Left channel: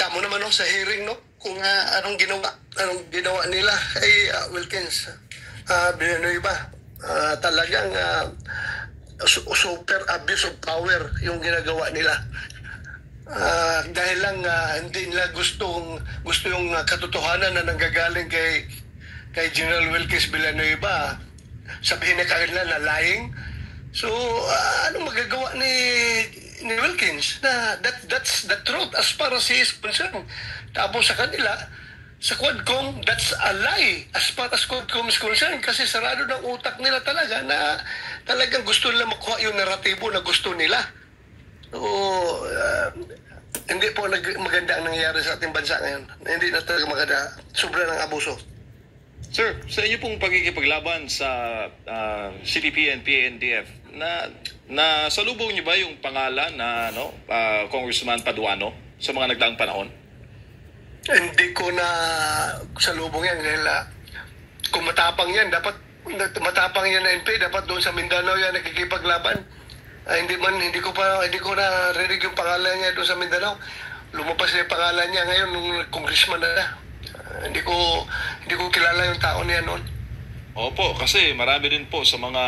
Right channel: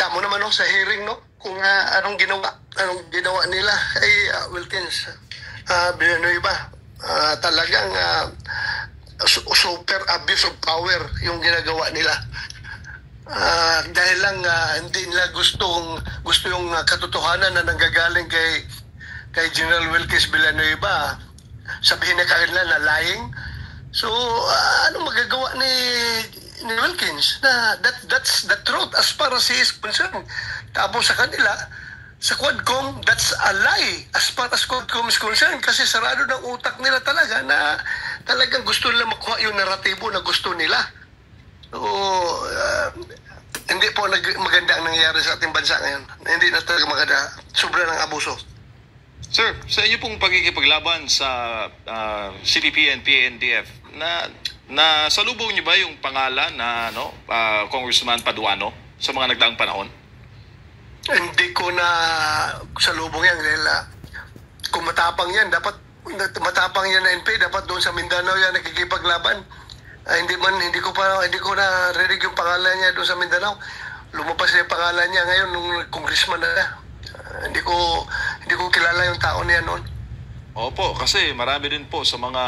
Kita mo naman no, sa hearing no, kung anong ginawa nila kay Wilkins Villanueva. Talagang super abuse of power yung ginagawa nila. Dahil lang hindi nila gusto yung katotohanan na nanggagaling kay General Wilkins Villanueva. Sabihin na kanila na lying. So ano magagawa ni Wilkins na that's the truth as far as he is concerned. Tapos sa kanila, sa Quadcom, that's a lie as far as Quadcom is concerned kasi sarado ng utak nila talaga na talagang gusto nila makuha yung naratibo na gusto nila. So, hindi po maganda ang nangyayari sa ating bansa ngayon. Hindi na talaga maganda. Sobra ng abuso. Sir, sa inyo pong pagkikipaglaban sa CPP and PNDF, na salubong niyo ba yung pangalan na Congressman Paduano sa mga nagdaang panahon? Hindi ko na salubong yan dahil kung matapang yan, matapang yan na NP, dapat doon sa Mindanao yan nakikipaglaban. Hindi ko na rinig yung pangalan niya doon sa Mindanao. Lumabas na yung pangalan niya ngayon nung congressman na. Hindi ko kilala yung tao niya noon. Opo, kasi marami din po sa mga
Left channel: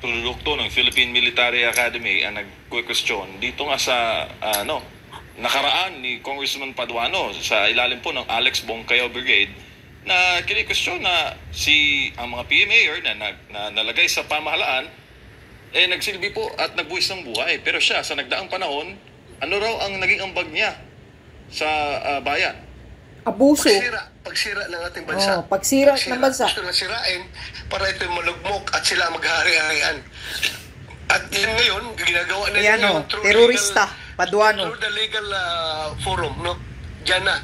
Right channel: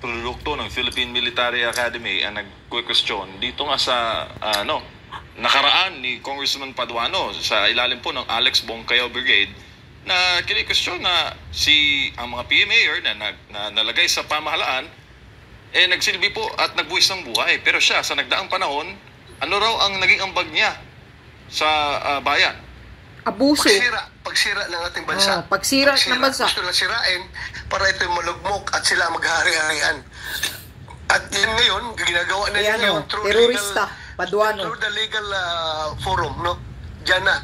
produkto ng Philippine Military Academy ang nag-question dito nga sa nakaraan ni Congressman Paduano sa ilalim po ng Alex Bongkayo Brigade na kini-question na ang mga PMAer na nalagay sa pamahalaan nagsilbi po at nagbuwis ng buhay. Pero siya, sa nagdaang panahon, ano raw ang naging ambag niya sa bayan? Abuso. Pagsira ng ating bansa. Pagsira ng bansa. Gusto na sirain para ito malugmok at sila maghari-harian. At yan ngayon, ginagawa na yan terorista, Paduano. Through the legal forum, no? Diyan na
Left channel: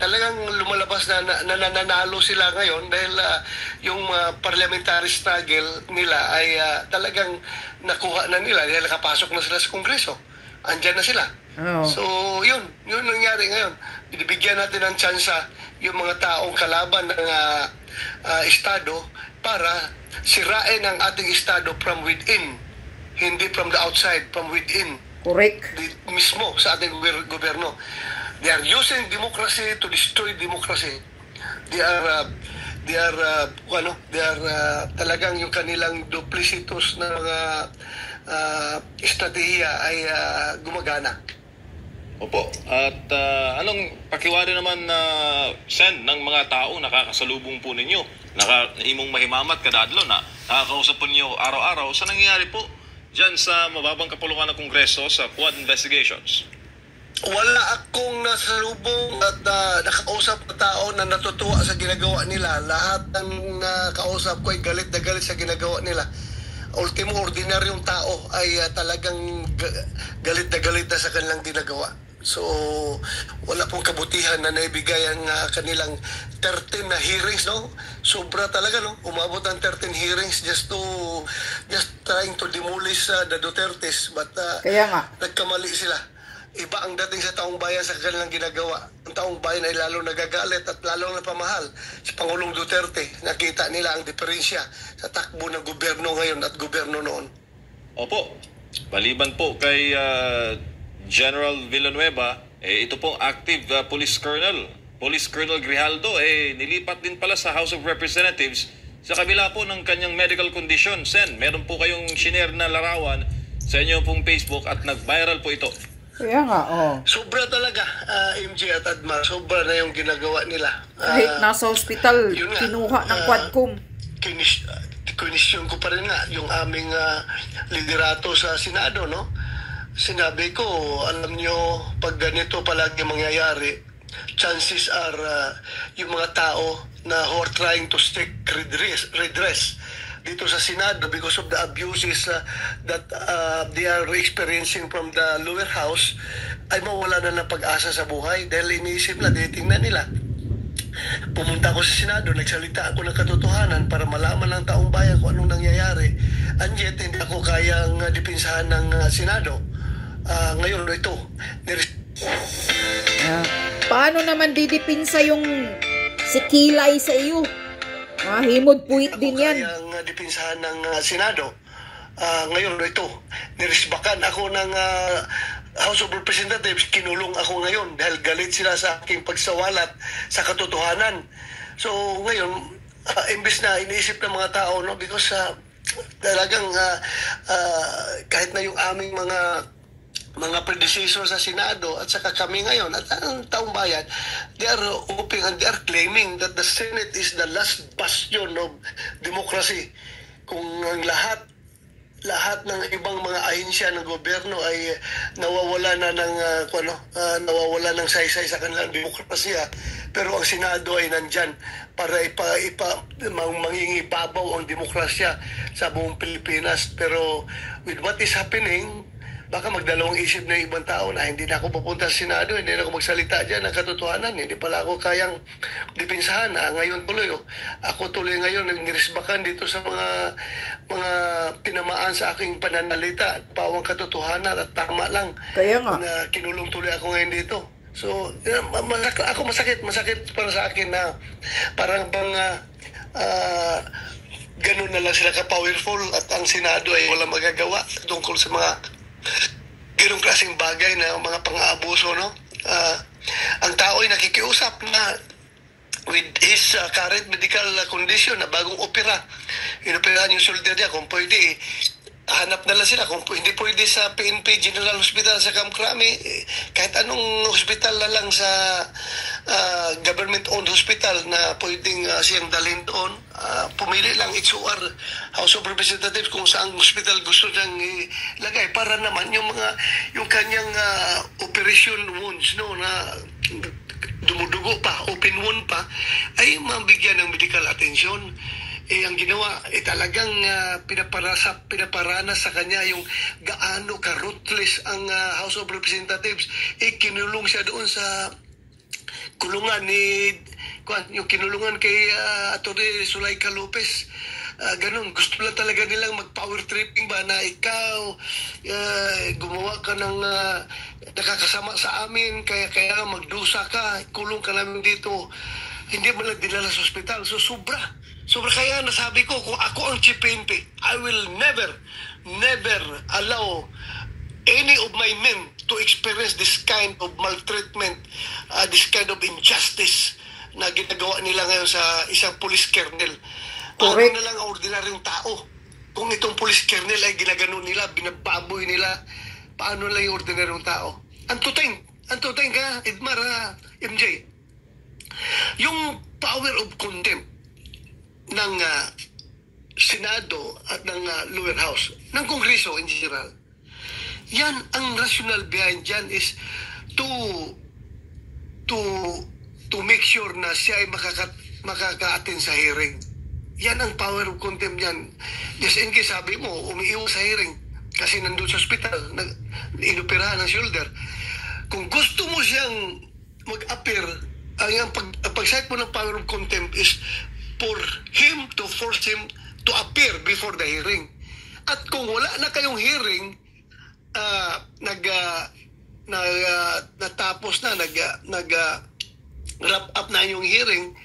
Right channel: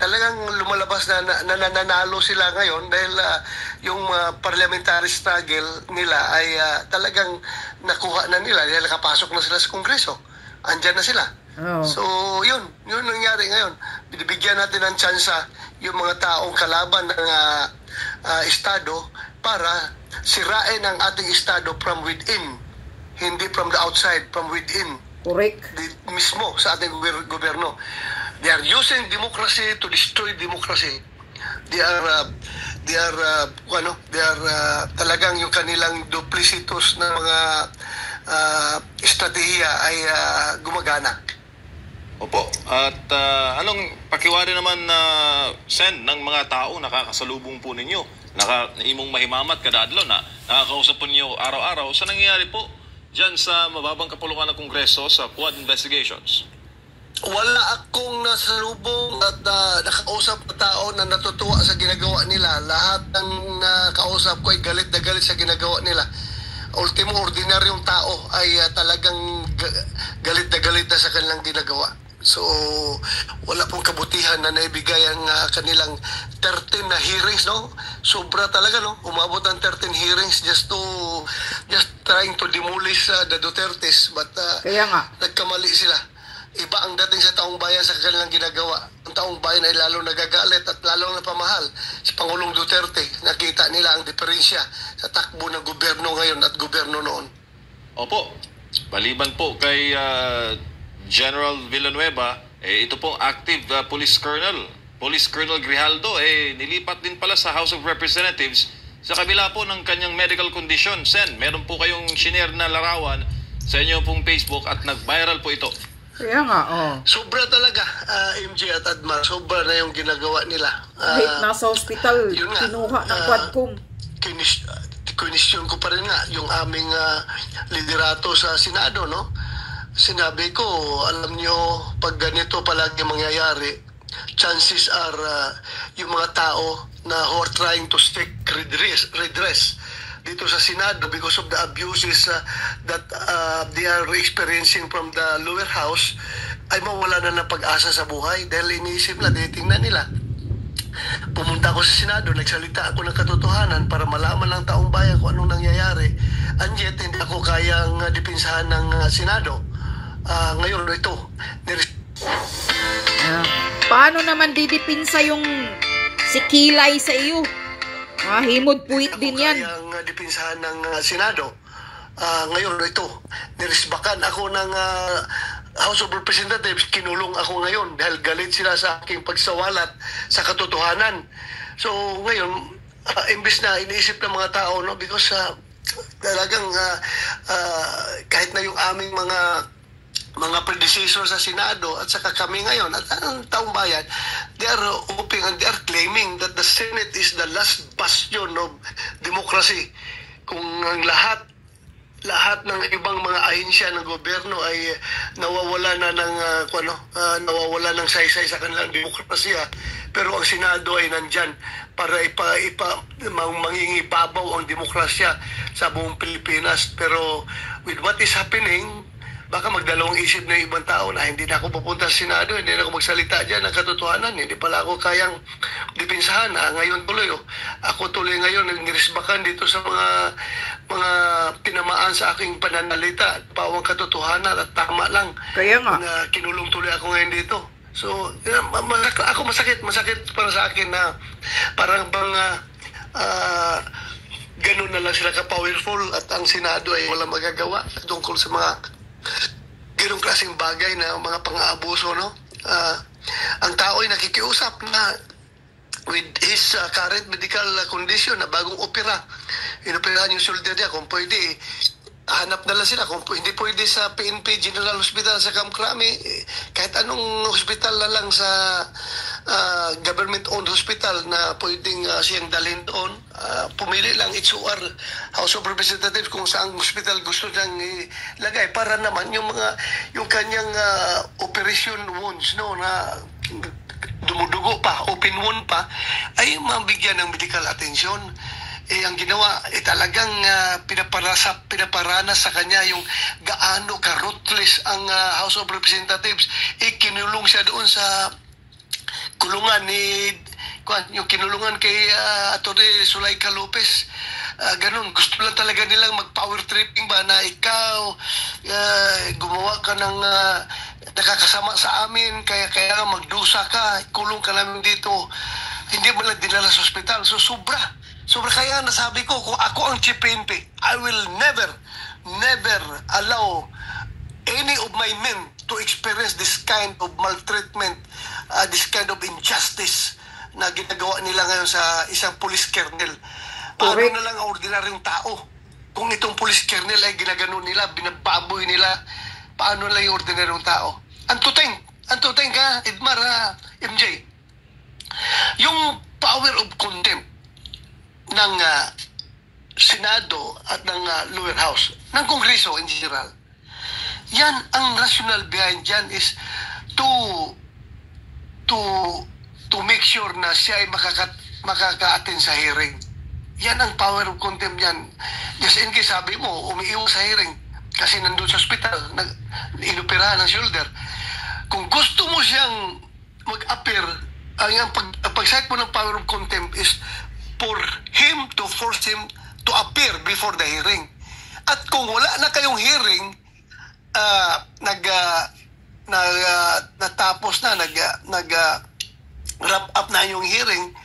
talagang lumalabas na nananalo sila ngayon dahil yung parliamentary struggle nila ay talagang nakuha na nila dahil nakapasok na sila sa Kongreso. Andyan na sila. Oh. So, yun nangyari ngayon. Binibigyan natin ng tsansa yung mga taong kalaban ng Estado para sirain ang ating Estado from within. Hindi from the outside, from within. Correct. Mismo sa ating gobyerno. They are using democracy to destroy democracy. They are talagang yung kanilang duplicitous na mga estratehiya ay gumagana. Opo. At anong pakiwari naman na send ng mga tao nakakasalubong po ninyo? Imong mahimamat kada adlaw na nakakausap po ninyo araw-araw sa nangyayari po dyan sa mababang kapulukan ng Kongreso sa Quad Investigations? Wala akong nasalubong at nakausap na tao na natutuwa sa ginagawa nila. Lahat ng nakausap ko ay galit na galit sa ginagawa nila. Ultimo, ordinaryong tao ay talagang galit na sa kanilang ginagawa. So, wala pong kabutihan na naibigay ang kanilang 13 na hearings, no? Sobra talaga, no? Umabot ng 13 hearings just trying to demolish the Dutertes. But kaya nga, nagkamali sila. Iba ang dating sa taong bayan sa kanilang ginagawa. Ang taong bayan ay lalo nagagalit at lalo napamahal si Pangulong Duterte. Nakita nila ang diferensya sa takbo ng gobyerno ngayon at gobyerno noon. Opo. Maliban po kay General Villanueva, ito pong active Police Colonel Grijaldo, nilipat din pala sa House of Representatives sa kabila po ng kanyang medical condition. Sen, meron po kayong shinare na larawan sa inyo pong Facebook at nag-viral po ito. Kaya nga, Sobra talaga, MJ at Admar. Sobra na yung ginagawa nila. Kahit nasa hospital, kinuha ng Quadcom. Kinisyon ko pa rin nga yung aming liderato sa Senado, no? Sinabi ko, alam nyo, pag ganito palagi mangyayari, chances are yung mga tao na who are trying to seek redress dito sa Senado because of the abuses that they are experiencing from the lower house ay mawala na ng pag-asa sa buhay dahil iniisip na, tingnan nila. Pumunta ako sa Senado, nagsalita ako ng katotohanan para malaman ng taong bayan kung anong nangyayari. And yet, hindi ako kayang dipinsahan ng Senado. Ngayon, ito. Paano naman didipinsa yung si Kilay sa iyo? Himod puwit din yan. Kayang dipinsahan ng Senado. Ngayon, ito. Nirisbakan ako ng House of Representatives, kinulong ako ngayon dahil galit sila sa aking pagsawalat sa katotohanan. So ngayon, imbes na iniisip ng mga tao, no, because talagang kahit na yung aming mga predecessor sa Senado at saka kami ngayon at ang taong bayan, they are hoping and they are claiming that the Senate is the last bastion of democracy. Kung ang lahat ng ibang mga ahensya ng gobyerno ay nawawala na ng nawawala ng saysay sa kanilang demokrasya, pero ang Senado ay nandyan para mangingibabaw ang demokrasya sa buong Pilipinas. Pero with what is happening, baka magdalawang isip na ibang tao na hindi na ako pupunta sa Senado, hindi na ako magsalita dyan ng katotohanan, hindi pala ako kayang dipinsahan. Ngayon tuloy, ako tuloy ngayon nirisbakan dito sa mga tinamaan sa aking pananalita, pawang katotohanan at tama lang. Kaya nga. Na kinulong tuloy ako ngayon dito. So, masakit para sa akin na parang ganun na lang sila ka-powerful at ang Senado ay walang magagawa tungkol sa mga ganung klaseng bagay na mga pang-aabuso, no? Ang tao ay nakikiusap na with his current medical condition na bagong opera, inoperahan yung shoulder niya, kung pwede hanap na lang sila, kung hindi pwede sa PNP General Hospital sa Kamkrami, kahit anong hospital na lang sa government-owned hospital na pwedeng siyang dalhin doon, pumili lang HOR, House of Representatives, kung saan hospital gusto niyang ilagay para naman yung kanyang operation wounds, no, na dumudugo pa, open wound pa, ay mabigyan ng medical attention. Ang ginawa, talagang pinaparana sa kanya yung gaano ka-ruthless ang House of Representatives. Kinulong siya doon sa kulungan yung kinulungan kay Atty. Zulaika Lopez. Ganun, gusto lang talaga nilang mag-power tripping ba na ikaw gumawa ka ng nakakasama sa amin, kaya magdusa ka, kulong ka namin dito, hindi mo lang dinala sa ospital. So sobra kaya nasabi ko, kung ako ang Chief PNP, I will never allow any of my men to experience this kind of maltreatment, this kind of injustice na ginagawa nila ngayon sa isang police colonel. Paano na lang ang ordinaryong tao? Kung itong police colonel ay ginagano nila, binababoy nila, paano lang yung ordinaryong tao? Antuting ka, Edmar, MJ. Yung power of contempt ng Senado at ng lower house, ng Kongreso in general, yan, ang rational behind dyan is to make sure na siya ay makaka-attend sa hearing. Yan ang power of contempt yan. Just in case sabi mo, umiiwas sa hearing kasi nandun sa hospital, inoperahan ng shoulder. Kung gusto mo siyang mag-appear, ang pag-cite mo ng power of contempt is for him to force him to appear before the hearing. At kung wala na kayong hearing, natapos na, wrap up na yung hearing,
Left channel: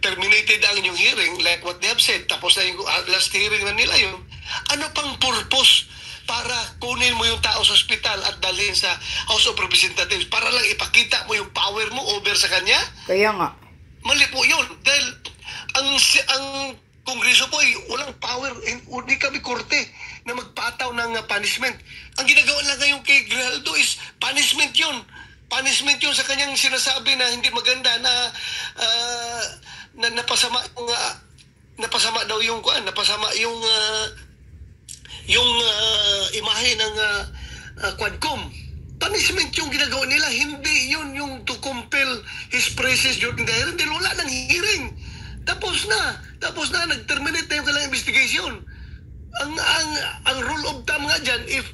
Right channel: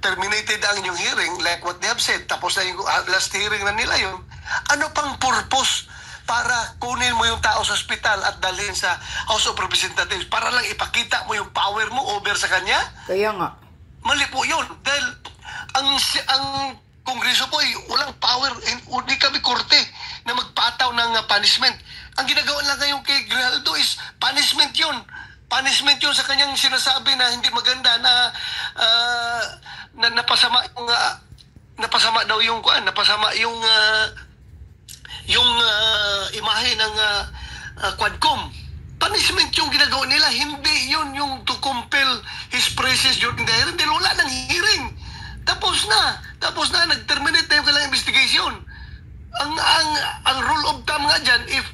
terminated ang inyong hearing, like what they have said, tapos na yung last hearing na nila yun, ano pang purpose para kunin mo yung tao sa ospital at dalhin sa House of Representatives para lang ipakita mo yung power mo over sa kanya? Kaya nga. Mali po yun. Dahil ang Kongreso po ay walang power, hindi kami korte na magpataw ng punishment. Ang ginagawa lang ngayon kay Grijaldo is punishment yun. Punishment yun sa kanyang sinasabi na hindi maganda na napasama daw yung imahe ng Quadcom. Punishment yung ginagawa nila, hindi yun yung to compel his presence during the hearing. Dahil wala ng hearing. Tapos na, nag-terminate na yung kailangang investigation. Ang rule of thumb nga dyan, if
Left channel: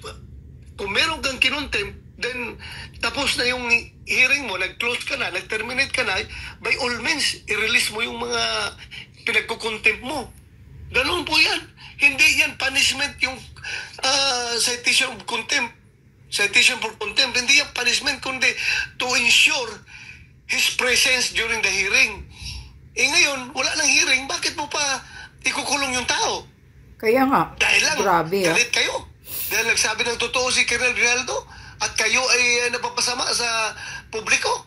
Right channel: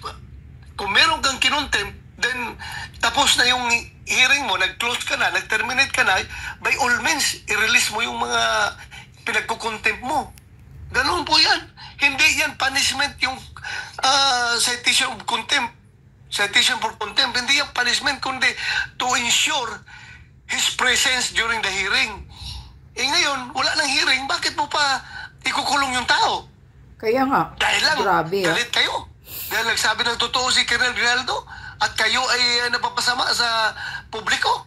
kung meron kang kinontempt, then tapos na yung hearing mo, nag-close ka na, nag-terminate ka na, by all means, i-release mo yung mga pinagkukontempt mo. Ganun po yan. Hindi yan punishment yung citation of contempt. Citation for contempt. Hindi yan punishment, kundi to ensure his presence during the hearing. Ngayon, wala nang hearing, bakit mo pa ikukulong yung tao? Kaya nga. Dahil lang, grabe, galit kayo. Dahil nagsabi ng totoo si Colonel Rinaldo at kayo ay napapasama sa publiko.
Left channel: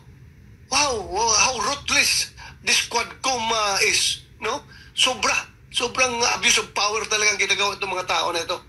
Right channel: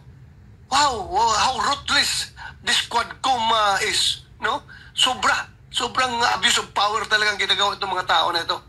Wow, how ruthless this Quadcom is, no? Sobrang abuse of power talagang ginagawa itong mga tao na ito.